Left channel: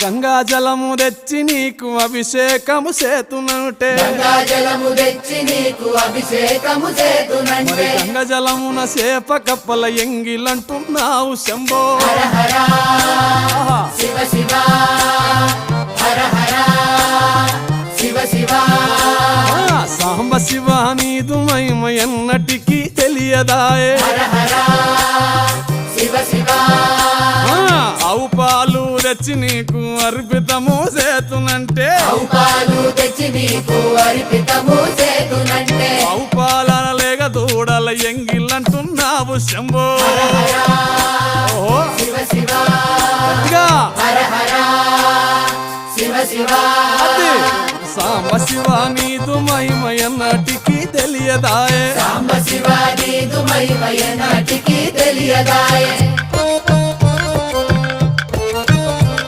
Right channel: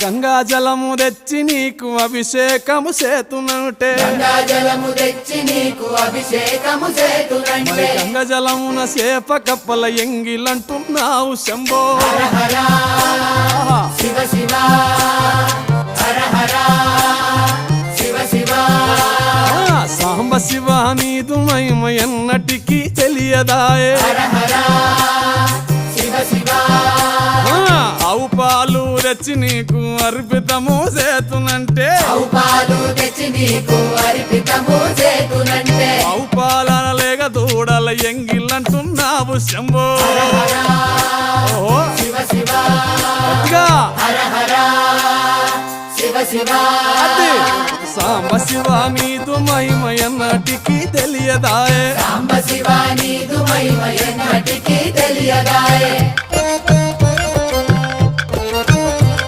గంగా జలము తెచ్చి నీకు అభిషేకము చేతునంటే మరి గంగా జలమున సేప కప్పల ఎంగిలంటున్నావు శంభో సాంబ శివ నీదు మహిమ ఎన్నటికీ తెలియదాయే ఆవు పాలు తెచ్చి నీకు అర్పితము చేతునంటే ఆవు పాలన లేక దూడల ఎంగిలంటున్నావు శంభో ఓహో గట్టిగా అది సాంబ శివ నీదు మహిమ ఎన్నటికీ తెలియదాయే